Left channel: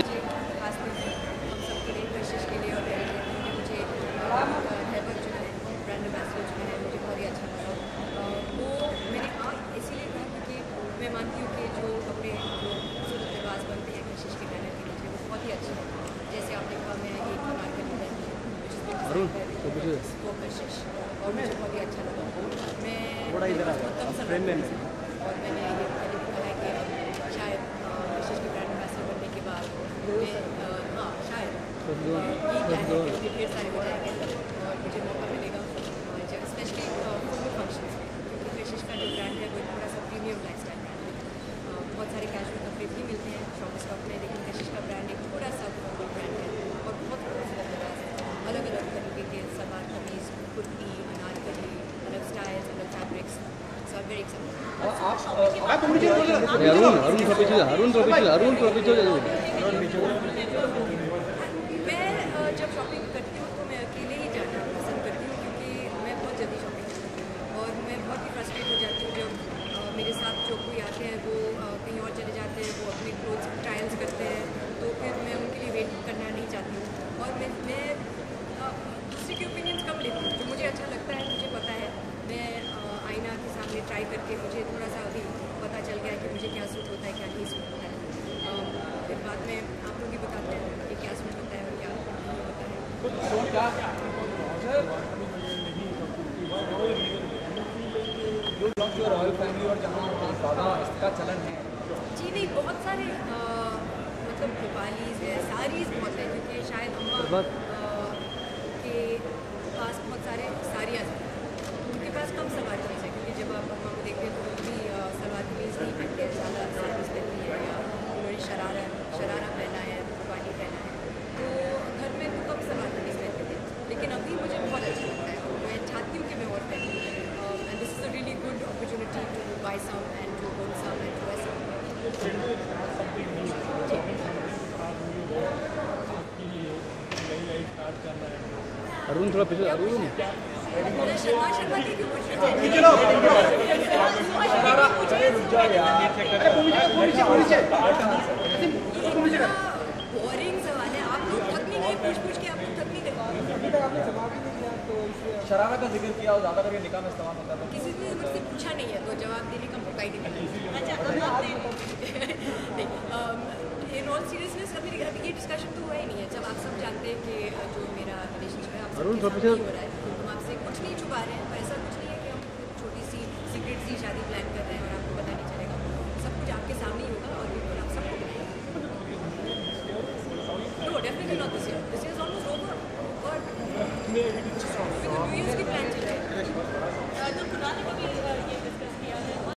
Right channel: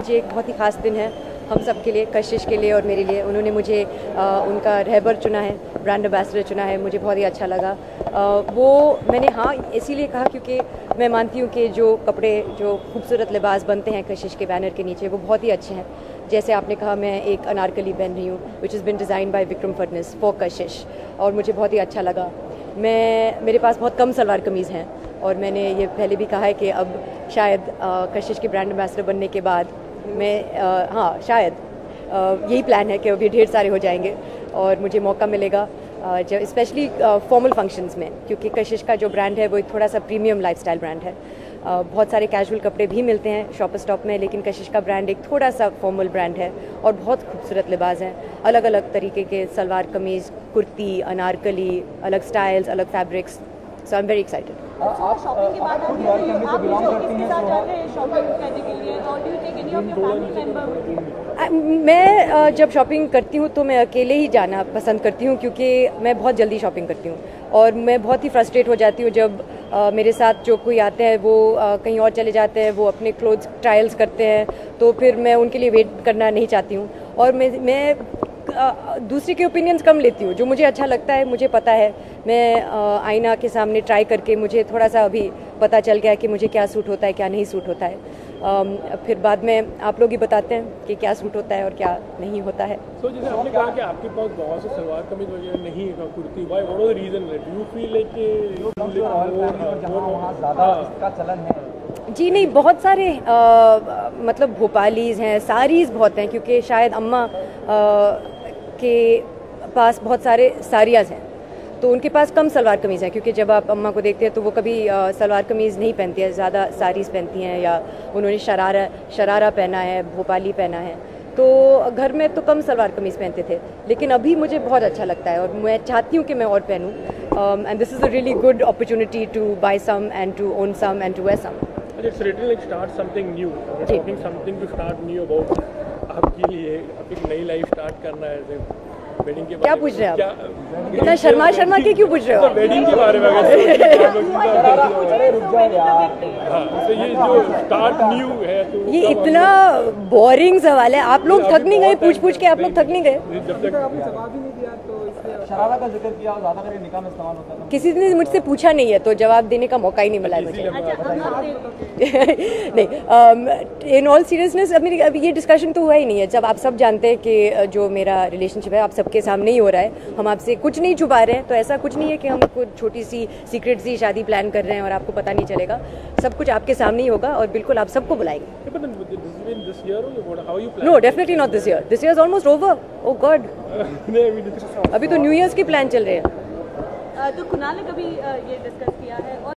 आज एक बहुत ही ख़ास दिन है हम सब के लिए, कशिश के लिए और मेरे लिए। उन्होंने मुझे उनका रहबर चुना है, ब्रांड एम्बेसडर चुना है। मुझे बहुत ही अच्छा लगा। वो मैंने हाँ इसीलिए कहा क्योंकि मैं मानती हूँ कि जो कपड़े, जो खूबसूरत लिबास बनते हैं कशिश के बैनर के नीचे, वो बहुत ही अच्छे हैं। जैसे आपने कहा, मैं एक अनारकली पहन रही हूँ which is been design by Vikram Fadnavis for कशिश, और मुझे बहुत ही अच्छा लगा। मेरे पास बहुत कम सलवार कमीज़ हैं और मैंने ये पहले भी कहा है कि अब शायद कशिश के ब्रांड एम्बेसडर बनने के बाद मैं हाँ शायद यही प्लान है कि अभी ढेर सारे हो जाएंगे और मुझे मौका मिलेगा जब स्पेशली फॉर्मल फंक्शंस में, क्योंकि कशिश का जो ब्रांड है वो एक थोड़ा सा प्रीमियम लाइफस्टाइल ब्रांड है। बहुत सारे कैजुअल कपड़े भी मिलते हैं शॉपर स्टॉप में, लेकिन कशिश का ब्रांड एक थोड़ा सा फॉर्मल ब्रांड है और बहुत खूबसूरत लिबास हैं। अलग अलग तरीके के सलवार कमीज़, कुर्ती, अनारकली, अलग स्टाइल्स, अलग fabrics. So I am very excited. मैं जब शॉपिंग करती हूँ तो मैं अकेले ही जाना पसंद करती हूँ, क्योंकि मैं बहुत जल्दी शॉपिंग करती हूँ और मैं बहुत ही फ्रस्ट्रेट हो जाती हूँ जब मेरे साथ जो कोई आते हैं वो कहीं और चले जाते हैं, वो अपने क्लोथ्स ट्रायल्स करते हैं, तो फिर मैं उनके लिए वेट करना नहीं चाहती हूँ। और मैं दूसरे के ओपिनियंस कम लेती हूँ। जो मुझे अच्छा लगता है, मुझे पता है, मैं आईना के सामने ट्राई करके मुझे थोड़ा सा अभी पता चल गया है कि मुझे क्या सूट होता है, क्या नहीं सूट होता है। फिर बाद में आप लोग ही बताते हैं कि क्या सूट होता है और क्या नहीं होता है। तो जैसे आपने कहा कि आपके पास बहुत से सलवार कमीज वगैरह नहीं है, kurti, why what are the reason you feel like और जहां वहां ज़्यादा इसका चलन है? जी नहीं, बहुत सारे मतलब भोपालीज़ हैं, साड़ीज़ बहुत हैं, क्योंकि शायद अम्मा के पास बहुत सारे साड़ियाँ हैं, तो उनके पास कम सलवार कमीज़ हैं, क्योंकि जब आप अम्मा को देखते हैं तो वो कभी सलवार कमीज़ नहीं पहनती है, ज़्यादा साड़ीज़ पहनती हैं, या उन्होंने शरारा पहना है, भोपाली पहना है। तो घर में तो कम सलवार कमीज़ पहनते थे, लेकिन अभी मुझे बहुत अच्छा लगता है और मैं चाहती हूँ कि मैं और पहनूँ। And this is a really good opportunity to buy some and to own some and to wear some. क्या पूछ रहे हैं आप? इतना शर्मा के क्यों पूछ रहे हो? ये इतना बोरिंग सवाल है। आप लोग थक नहीं गए पूछ के? आप लोग थक नहीं गए? शरारा का जिक्र किया और ज़्यादा करके निकाह में इस्तेमाल होता है। किसी ने मुझसे पूछा नहीं है तो जवाब देने का मौका ही नहीं मिला है मुझे। नहीं, इन ऑल सीरियसनेस अभी ये डिस्कशन तो हुआ ही नहीं है। जब आप सब जानते हैं कि जो मेरा रिलेशनशिप है आप सबके सामने ही हो रहा है, हम आपसे कुछ नहीं छुपा रहे हैं, तो ऐसा कुछ नहीं है कि हम कुछ छोटी सी सीक्रेट सी शादी प्लान कर रहे हैं और आपको पता नहीं चलेगा। सब कुछ आपके सामने ही होगा और बिल्कुल आप सबको बुलाएंगे। No, definitely not this year. This year is almost over. Oh god, अभी तो न्यू ईयर्स की प्लान चल रहे हैं। तो कुणाल ने कभी ये डिस्कस किया है?